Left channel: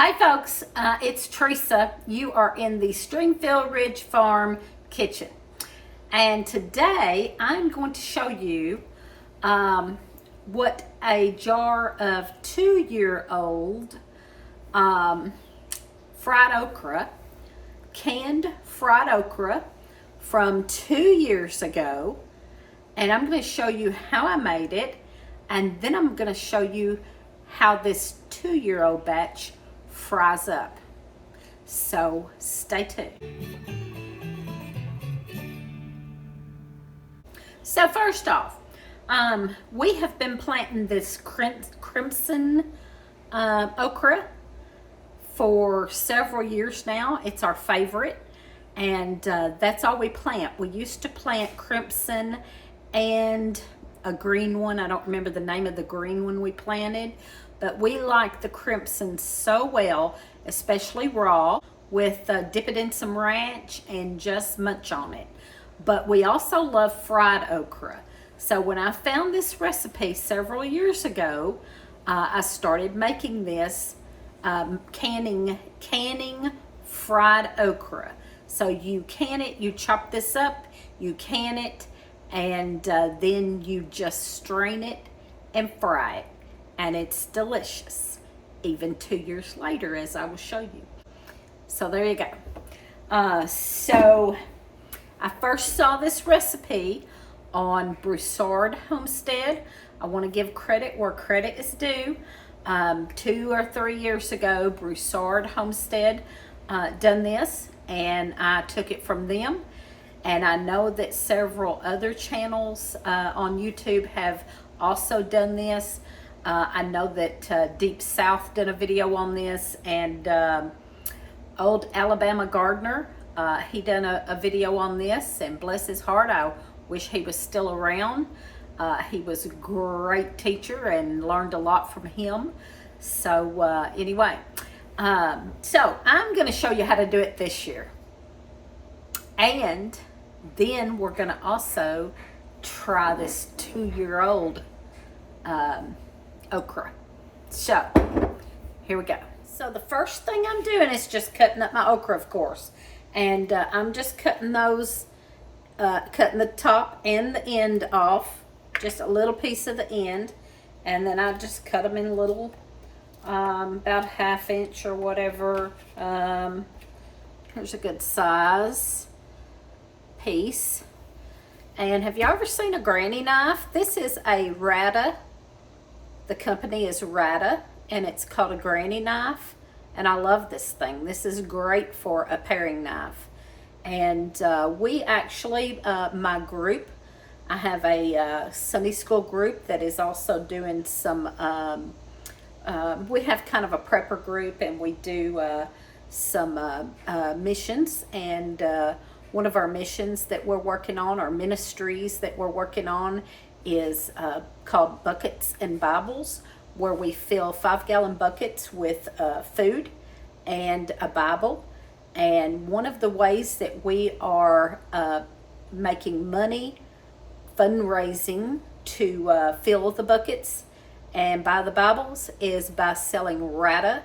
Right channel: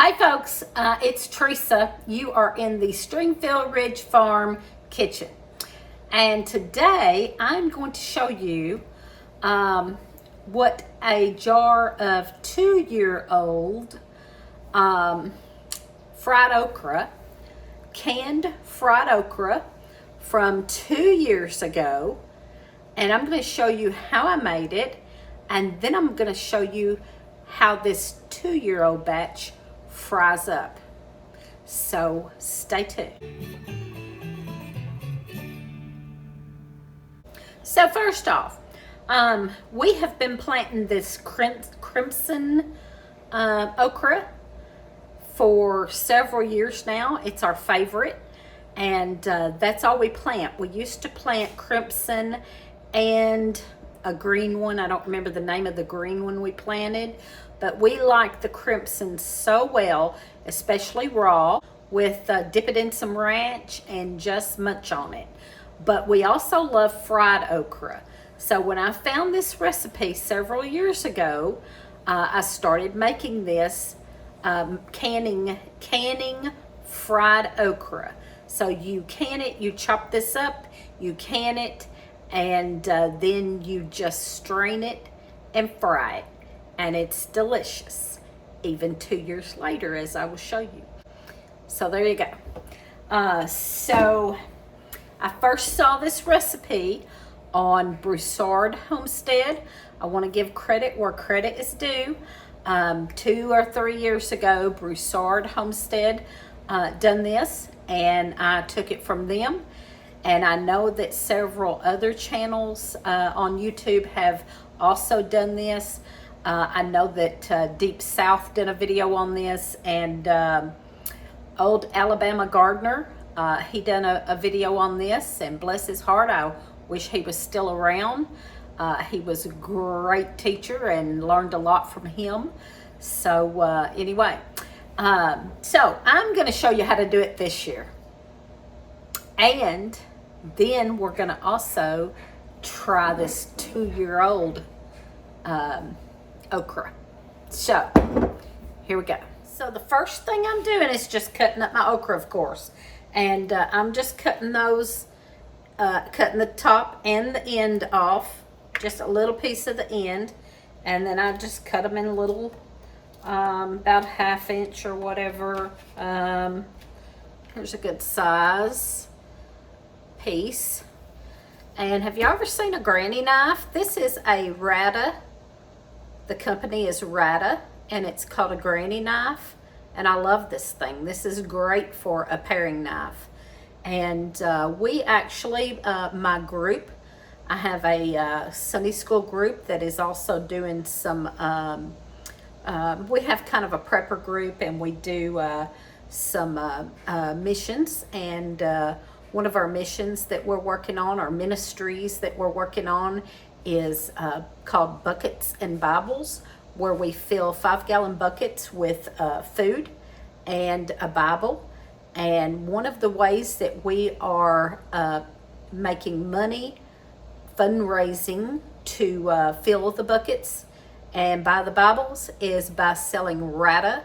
Hi folks, it's Teresa. You are in the Stringfield Ridge Farm kitchen. And today I'm going to show you what a jar of 2-year-old fried okra, canned fried okra from 2 years ago. And I'm going to show you how I made it. And then I'm going to show you how this 2-year-old batch fries up. So stay tuned. So first off, we have been planting this crimson okra for several years now. It's our favorite, and that's all we plant. We used to plant crimson and a green one. I don't remember the name of the green one we planted, but we like the crimson so well, especially raw, with dip it in some ranch and just munch on it. But we also love fried okra. So when I found this recipe several years ago, I started making this canning fried okra. So you can it, you chop this up, you can it, and then you just strain it and fry it. And it's delicious, even 2 years later, as I will show you. So there you go. So I first saw this recipe on Broussard Homestead. I want to give credit where credit is due. 2 or 3 years ago, Broussard Homestead done this, and I took it from them. And I know that several other channels on YouTube have also done this. I know that Deep South did a video on this, and Old Alabama Gardener, he done a video on this, and bless his heart, I wish he was still around. He was a great teacher and learned a lot from him. So anyway, so I'm going to show you how to do it this year. And then we're going to also try this 2-year-old okra. So here we go. So the first thing I'm doing is just cutting up my okra, of course, and I'm just cutting those, cutting the top and the end off, just a little piece of the end, and then I just cut them in little, about 1/2 inch or whatever. Here's a good size piece. And have you ever seen a granny knife? This is a RADA. The company is RADA, and it's called a granny knife. And I love this thing. This is great for a paring knife. And we actually, my group, I have a Sunday school group that is also doing some, we have kind of a prepper group, and we do some missions. And one of our missions that we're working on, or ministries that we're working on, is called Buckets and Bibles, where we fill 5-gallon buckets with food and a Bible. And one of the ways that we are making money, fundraising to fill the buckets and buy the Bibles, is by selling RADA.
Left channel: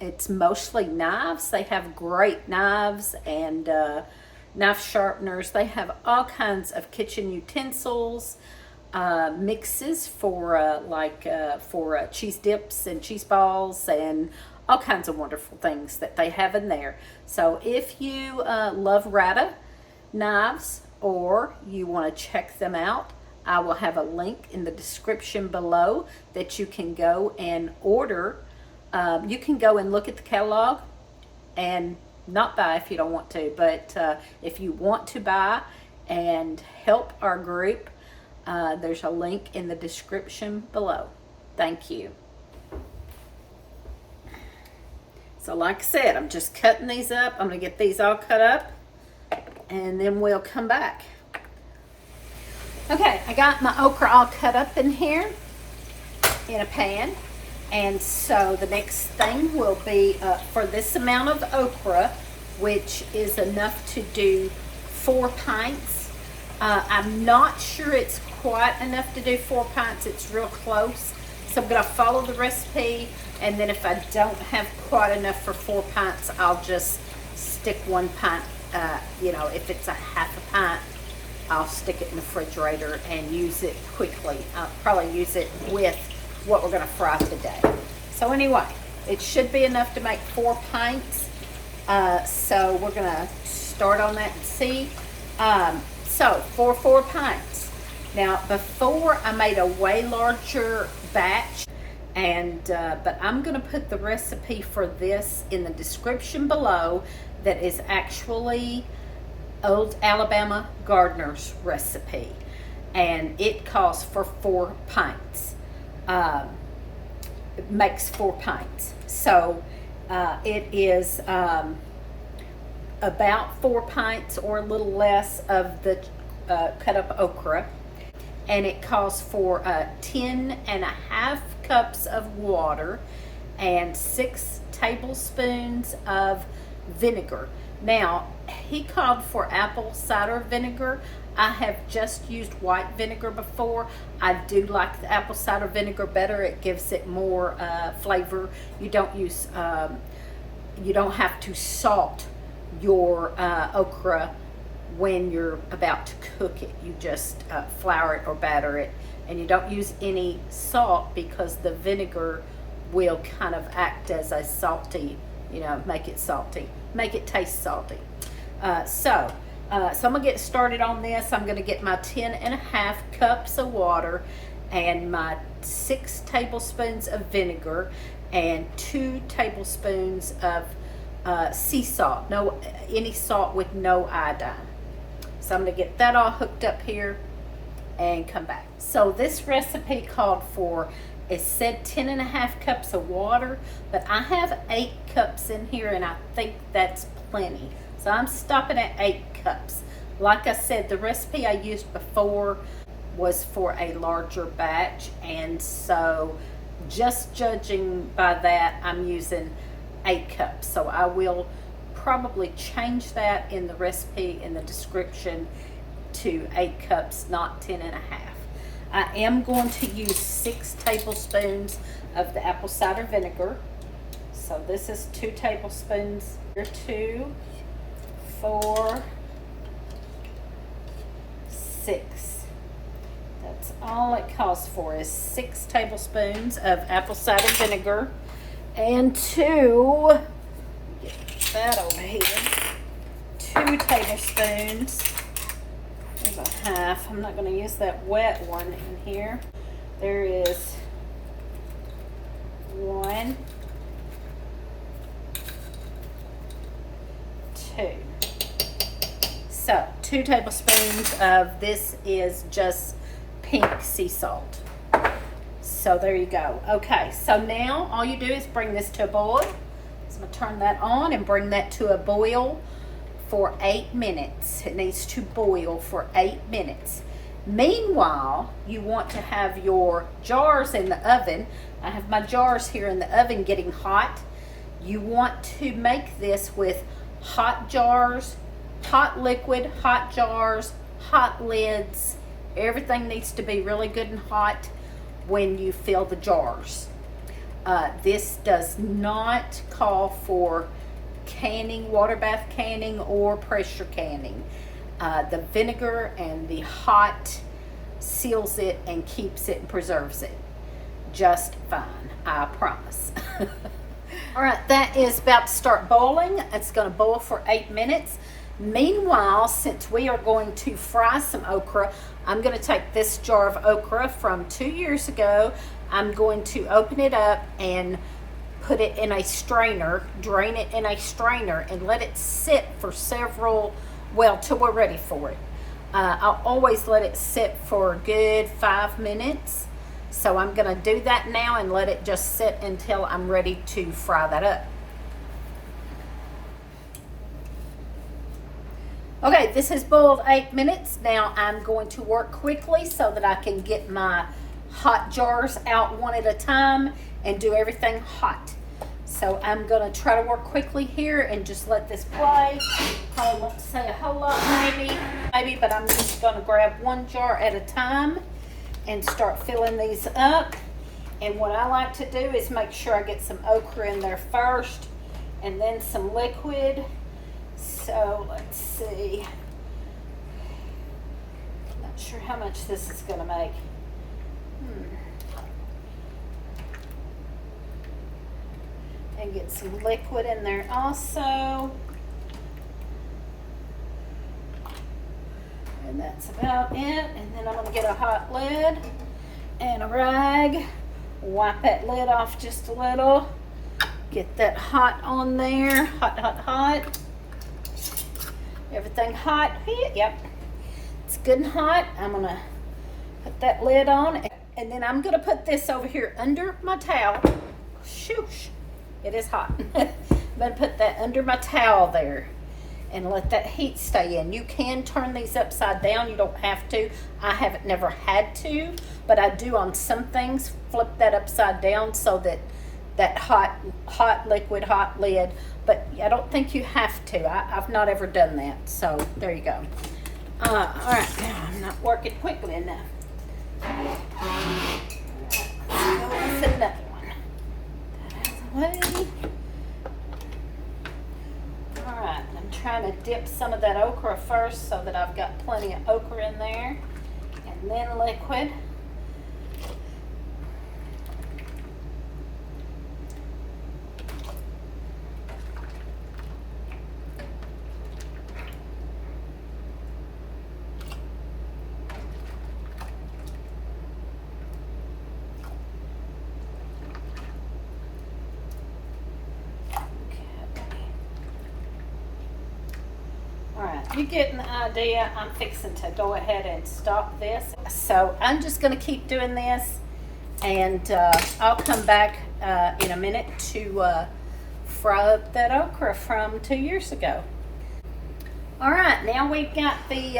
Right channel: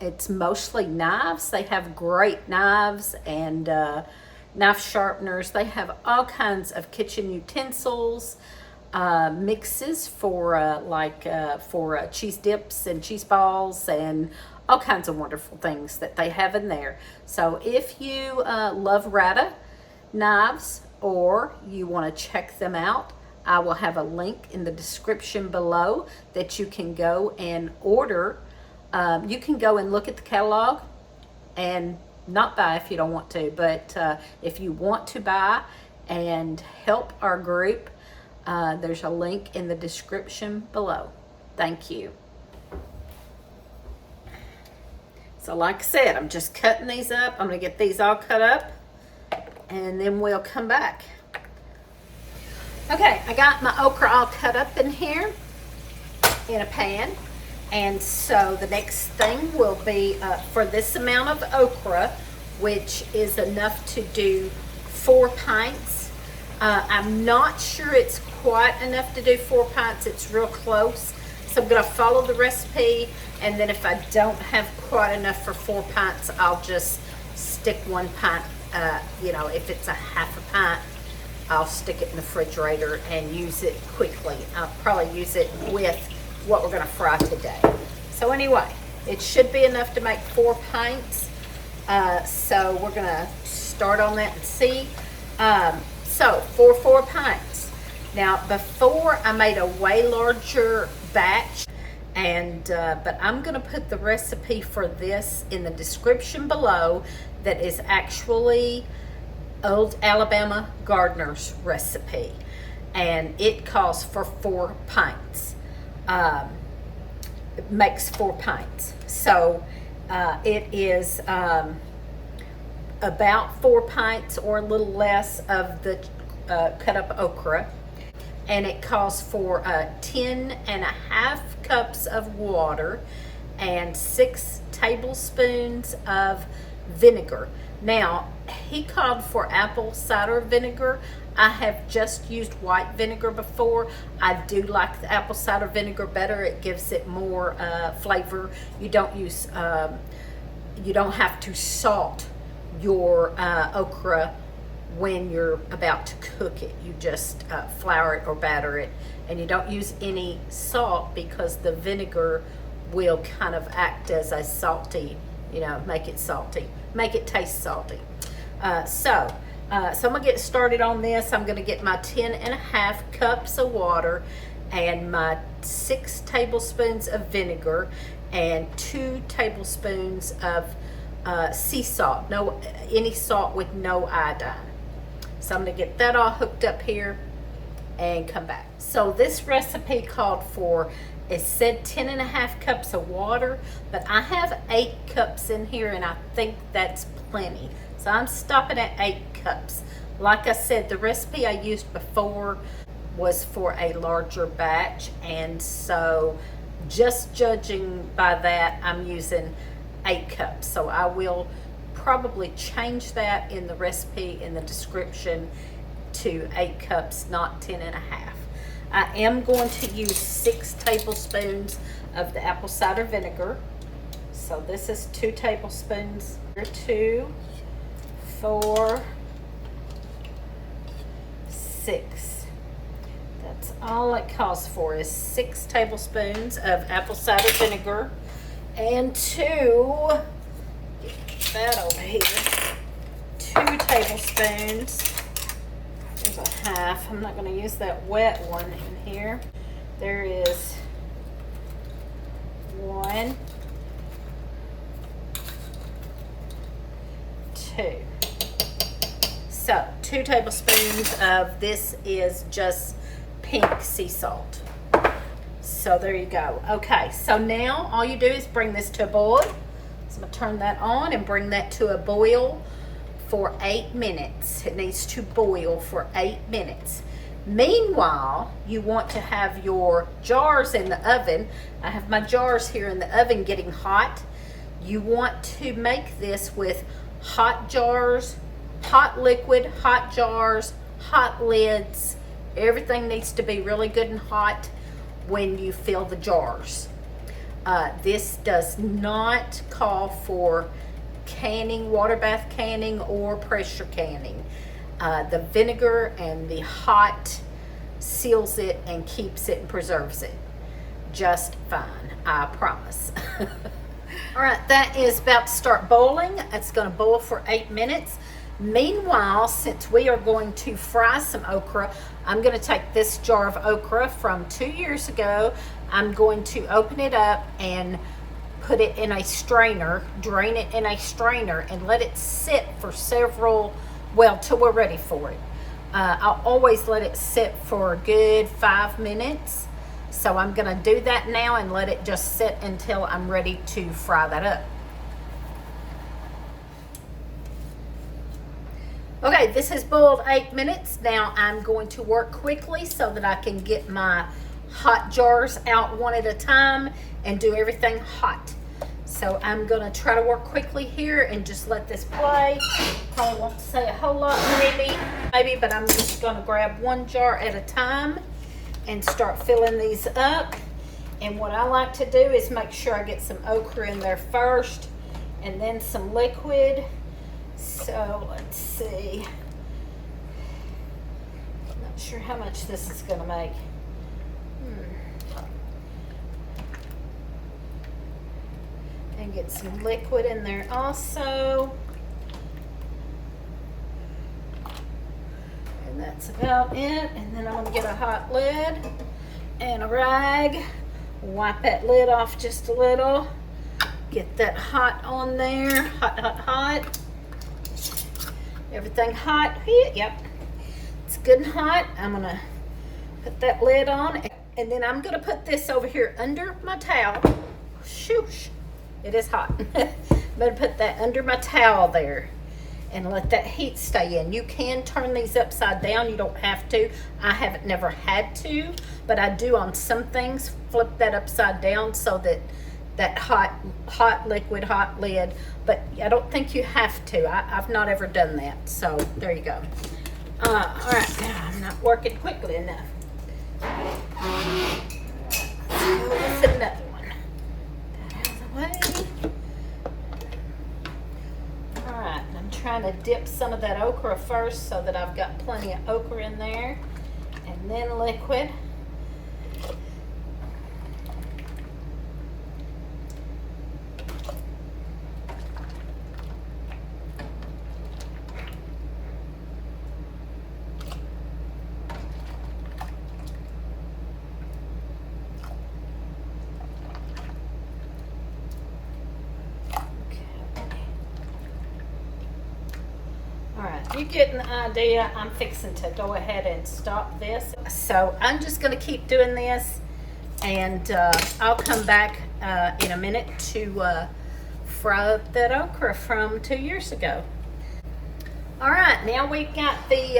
It's mostly knives. They have great knives and knife sharpeners. They have all kinds of kitchen utensils, mixes for for cheese dips and cheese balls, and all kinds of wonderful things that they have in there. So if you love RADA knives, or you want to check them out, I will have a link in the description below that you can go and order. You can go and look at the catalog and not buy if you don't want to, but if you want to buy and help our group, there's a link in the description below. Thank you. So like I said, I'm just cutting these up. I'm going to get these all cut up, and then we'll come back. Okay, I got my okra all cut up in here in a pan. And so the next thing will be, for this amount of okra, which is enough to do 4 pints. I'm not sure it's quite enough to do 4 pints. It's real close. So I'm going to follow the recipe. And then if I don't have quite enough for 4 pints, I'll just stick 1 pint, you know, if it's a half a pint, I'll stick it in the refrigerator and use it quickly. I'll probably use it with what we're gonna fry today. So anyway, it should be enough to make 4 pints. So we're gonna start on that and see. So for 4 pints. Now before I made a way larger batch, and but I'm gonna put the recipe for this in the description below. That is actually Old Alabama Gardener's recipe, and it calls for 4 pints. It makes 4 pints. So it is about 4 pints or a little less of the cut up okra, and it calls for 10.5 cups of water and 6 tablespoons of vinegar. Now, he called for apple cider vinegar. I have just used white vinegar before. I do like the apple cider vinegar better. It gives it more flavor. You don't use, you don't have to salt your okra when you're about to cook it. You just flour it or batter it, and you don't use any salt because the vinegar will kind of act as a salty, you know, make it salty, make it taste salty. So I'm gonna get started on this. I'm gonna get my 10.5 cups of water and my 6 tablespoons of vinegar and 2 tablespoons of sea salt, any salt with no iodine. So I'm gonna get that all hooked up here and come back. So this recipe called for, it said 10.5 cups of water, but I have 8 cups in here, and I think that's plenty. So I'm stopping at 8 cups. Like I said, the recipe I used before was for a larger batch, and so just judging by that, I'm using 8 cups. So I will probably change that in the recipe in the description to 8 cups, not 10.5. I am going to use 6 tablespoons of the apple cider vinegar. So this is 2 tablespoons. 2, 4, 6. That's all it calls for, is 6 tablespoons of apple cider vinegar, and 2, get that over here, 2 tablespoons. There's a half. I'm not going to use that wet one in here. There is 1, 2. So 2 tablespoons of this is just pink sea salt. So there you go. Okay, so now all you do is bring this to a boil. So I'm going to turn that on and bring that to a boil for 8 minutes. It needs to boil for 8 minutes. Meanwhile, you want to have your jars in the oven. I have my jars here in the oven getting hot. You want to make this with hot jars, hot liquid, hot jars, hot lids. Everything needs to be really good and hot when you fill the jars. This does not call for canning, water bath canning, or pressure canning. The vinegar and the hot seals it and keeps it and preserves it just fine, I promise. All right, that is about to start boiling. It's going to boil for 8 minutes. Meanwhile, since we are going to fry some okra, I'm going to take this jar of okra from 2 years ago. I'm going to open it up and put it in a strainer, drain it in a strainer, and let it sit for till we're ready for it. I'll always let it sit for a good 5 minutes. So I'm going to do that now and let it just sit until I'm ready to fry that up. Okay, this has boiled 8 minutes. Now I'm going to work quickly so that I can get my hot jars out one at a time and do everything hot. So I'm going to try to work quickly here and just let this play. Probably won't say a whole lot maybe, but I'm just going to grab one jar at a time and start filling these up. And what I like to do is make sure I get some okra in there first and then some liquid. So let's see. Not sure how much this is going to make. And get some liquid in there also. And that's about it. And then I'm going to get a hot lid and a rag. Wipe that lid off just a little. Get that hot on there. Hot, hot, hot. Everything hot. Yep. It's good and hot. I'm going to put that lid on. And then I'm going to put this over here under my towel. Shoosh. It is hot. I'm going to put that under my towel there and let that heat stay in. You can turn these upside down. You don't have to. I haven't never had to, but I do on some things. Flip that upside down so that that hot liquid, hot lid, but I don't think you have to. I've not ever done that. So there you go. All right, I'm not working quickly enough. Let's go with another one. Way. All right, I'm trying to dip some of that okra first so that I've got plenty of okra in there, and then liquid. You getting the idea? I'm fixing to go ahead and stop this. So I'm just going to keep doing this, and I'll come back in a minute to fry up that okra from 2 years ago. All right, now we've got the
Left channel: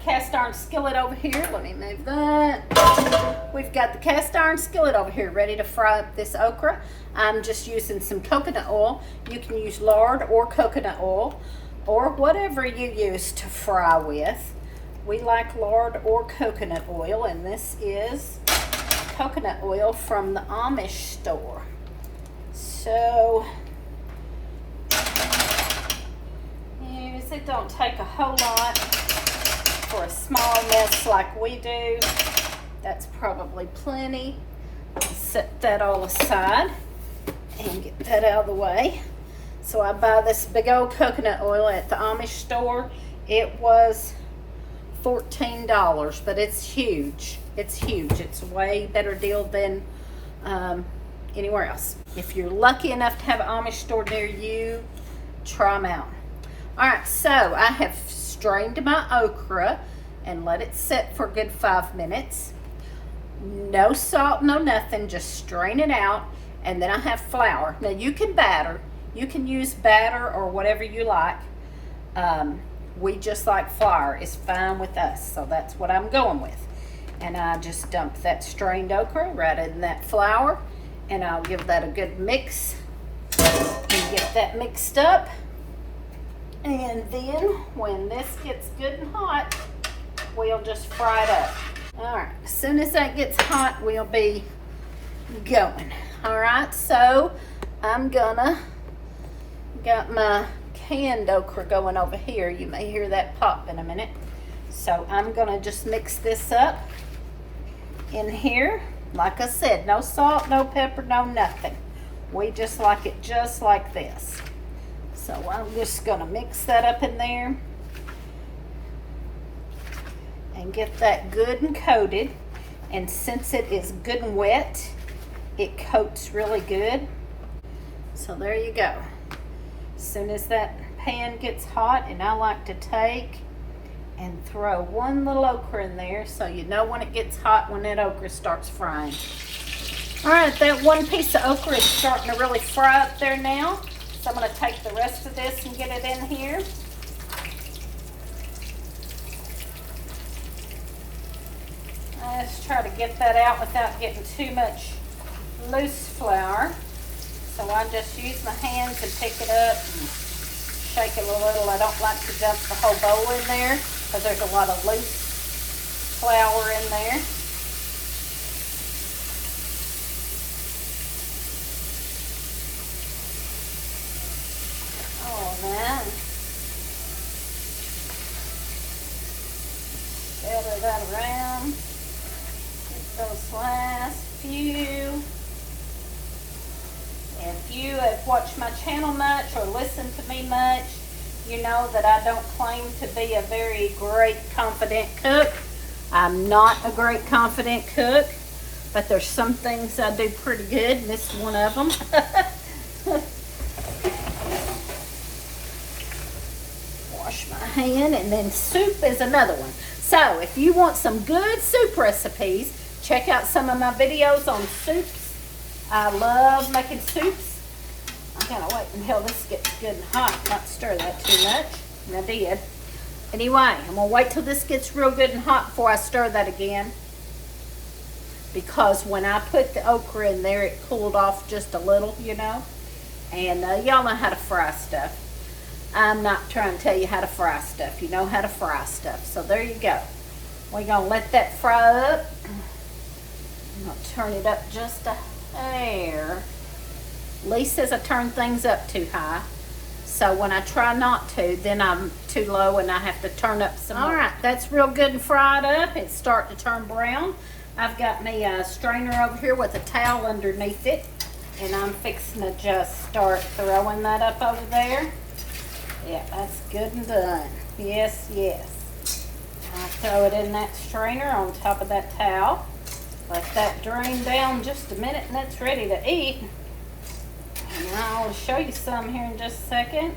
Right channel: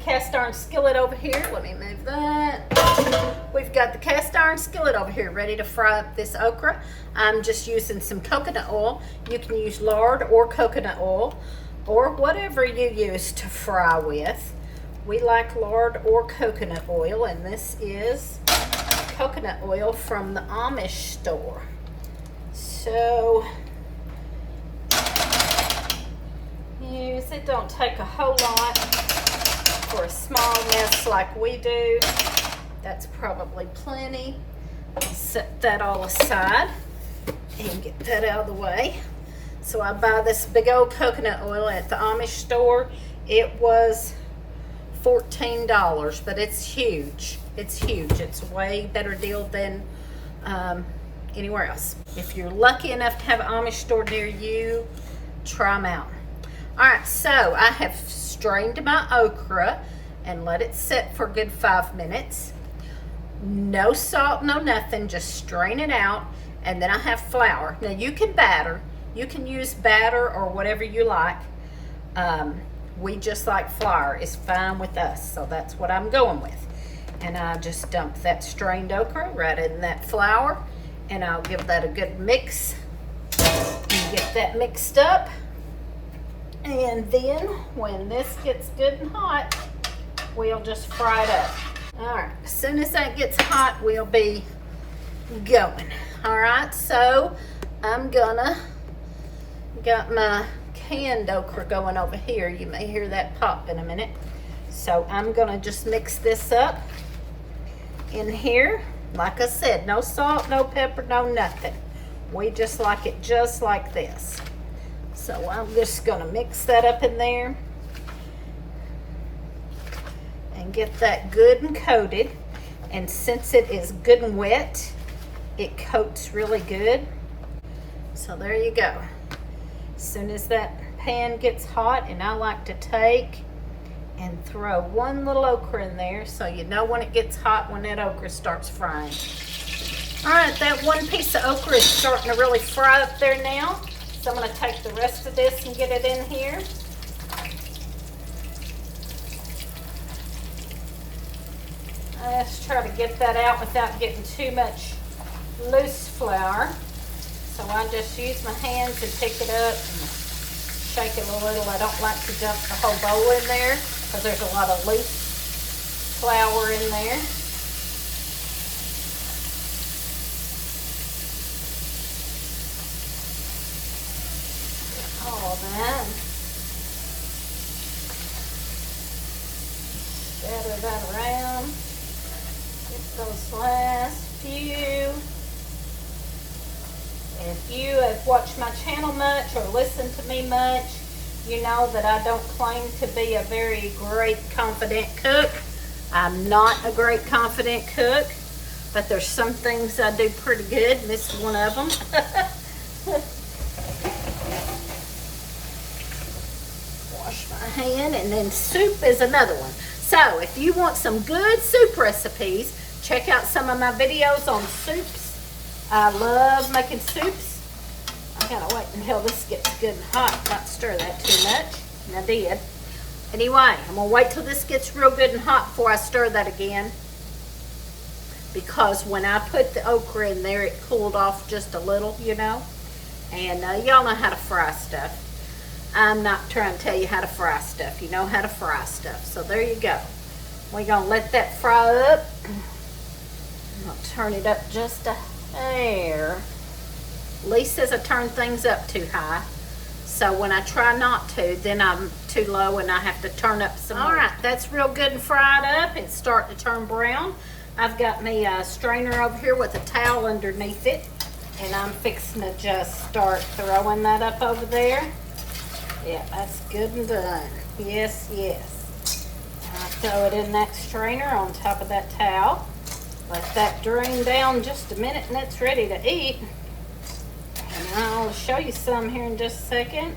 cast iron skillet over here. Let me move that. We've got the cast iron skillet over here ready to fry up this okra. I'm just using some coconut oil. You can use lard or coconut oil, or whatever you use to fry with. We like lard or coconut oil, and this is coconut oil from the Amish store. So, use it. Don't take a whole lot for a small mess like we do. That's probably plenty. Set that all aside and get that out of the way. So I buy this big old coconut oil at the Amish store. It was $14, but it's huge. It's huge. It's a way better deal than anywhere else. If you're lucky enough to have an Amish store near you, try them out. All right, so I have strained my okra and let it sit for a good 5 minutes. No salt, no nothing, just strain it out. And then I have flour. Now you can batter. You can use batter or whatever you like. We just like flour. It's fine with us, so that's what I'm going with. And I just dump that strained okra right in that flour, and I'll give that a good mix and get that mixed up. And then when this gets good and hot, we'll just fry it up. All right, as soon as that gets hot, we'll be going. All right, so I'm gonna got my canned okra going over here. You may hear that pop in a minute. So I'm gonna just mix this up in here. Like I said, no salt, no pepper, no nothing. We just like it just like this. So I'm just gonna mix that up in there and get that good and coated. And since it is good and wet, it coats really good. So there you go. As soon as that pan gets hot, and I like to take and throw one little okra in there so you know when it gets hot when that okra starts frying. All right, that one piece of okra is starting to really fry up there now. So I'm going to take the rest of this and get it in here. Let's try to get that out without getting too much loose flour. So I just use my hands and pick it up and shake it a little. I don't like to dump the whole bowl in there because there's a lot of loose flour in there. that. Scatter that around. Get those last few. If you have watched my channel much or listened to me much, you know that I don't claim to be a very great, confident cook. I'm not a great, confident cook, but there's some things I do pretty good, and this is one of them. Wash my hand, and then soup is another one. So if you want some good soup recipes, check out some of my videos on soups. I love making soups. I gotta wait until this gets good and hot, not stir that too much. And I did. Anyway, I'm gonna wait till this gets real good and hot before I stir that again. Because when I put the okra in there, it cooled off just a little, you know. And y'all know how to fry stuff. I'm not trying to tell you how to fry stuff. You know how to fry stuff. So there you go. We're gonna let that fry up. I'm gonna turn it up just a hair. Lee says I turn things up too high. So when I try not to, then I'm too low and I have to turn up some more. All right, that's real good and fried up. It's starting to turn brown. I've got me a strainer over here with a towel underneath it. And I'm fixing to just start throwing that up over there. Yeah, that's good and done. Yes, yes. I throw it in that strainer on top of that towel. Let that drain down just a minute and it's ready to eat. And I'll show you some here in just a second.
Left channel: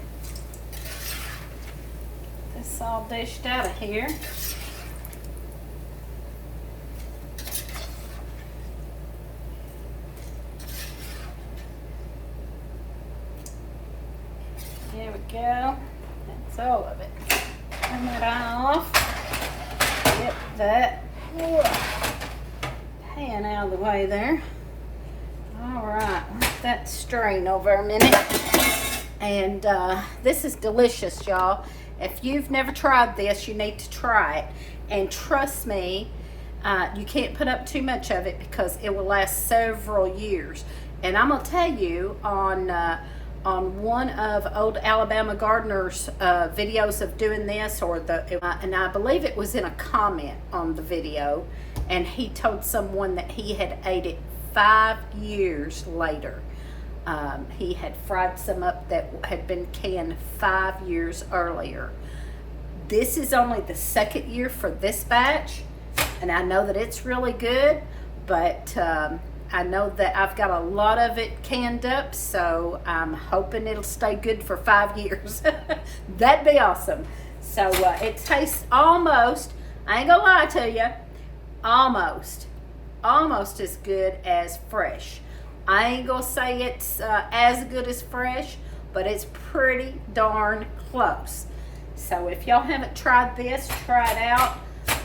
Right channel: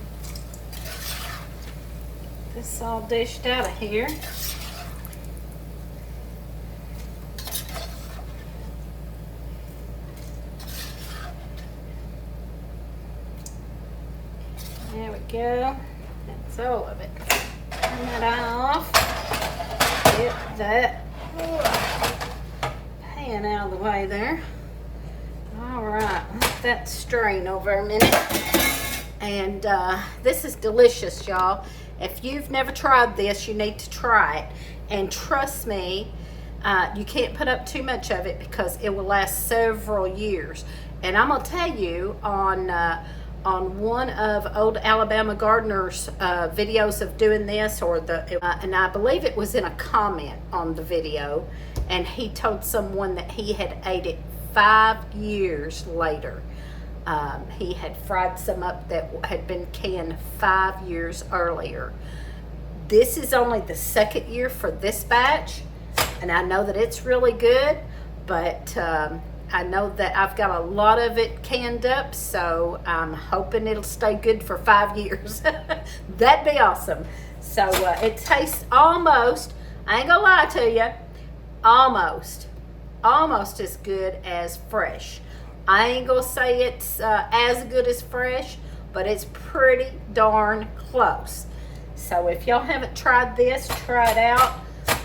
This all dished out of here. There we go. That's all of it. Turn that off. Get that pan out of the way there. All right, let that strain over a minute. And this is delicious, y'all. If you've never tried this, you need to try it. And trust me, you can't put up too much of it because it will last several years. And I'm gonna tell you on one of Old Alabama Gardener's videos of doing this, and I believe it was in a comment on the video, and he told someone that he had ate it 5 years later. He had fried some up that had been canned 5 years earlier. This is only the second year for this batch, and I know that it's really good, but I know that I've got a lot of it canned up, so I'm hoping it'll stay good for 5 years. That'd be awesome. So it tastes almost, I ain't gonna lie to you, almost as good as fresh. I ain't gonna say it's as good as fresh, but it's pretty darn close. So if y'all haven't tried this, try it out.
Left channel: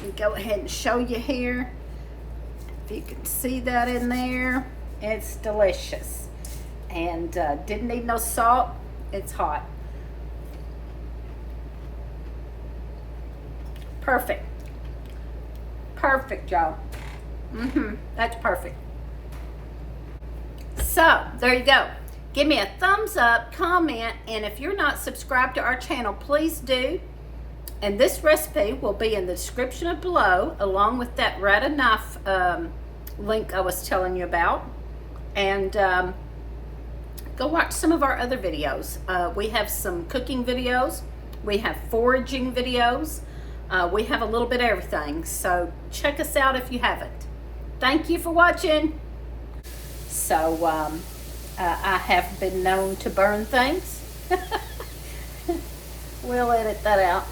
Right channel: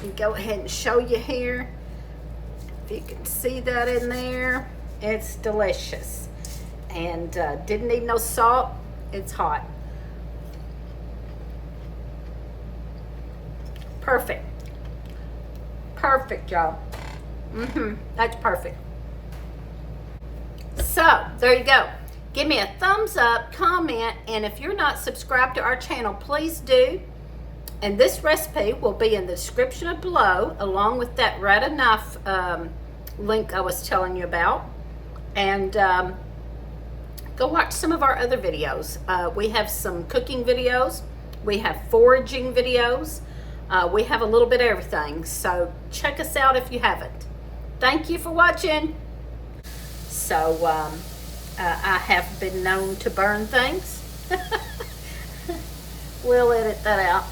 And go ahead and show you here. If you can see that in there, it's delicious. And didn't need no salt. It's hot. Perfect. Perfect, y'all. That's perfect. So, there you go. Give me a thumbs up, comment, and if you're not subscribed to our channel, please do. And this recipe will be in the description below, along with that RADA knife link I was telling you about. And go watch some of our other videos. We have some cooking videos. We have foraging videos. We have a little bit of everything. So check us out if you haven't. Thank you for watching. So I have been known to burn things. We'll edit that out.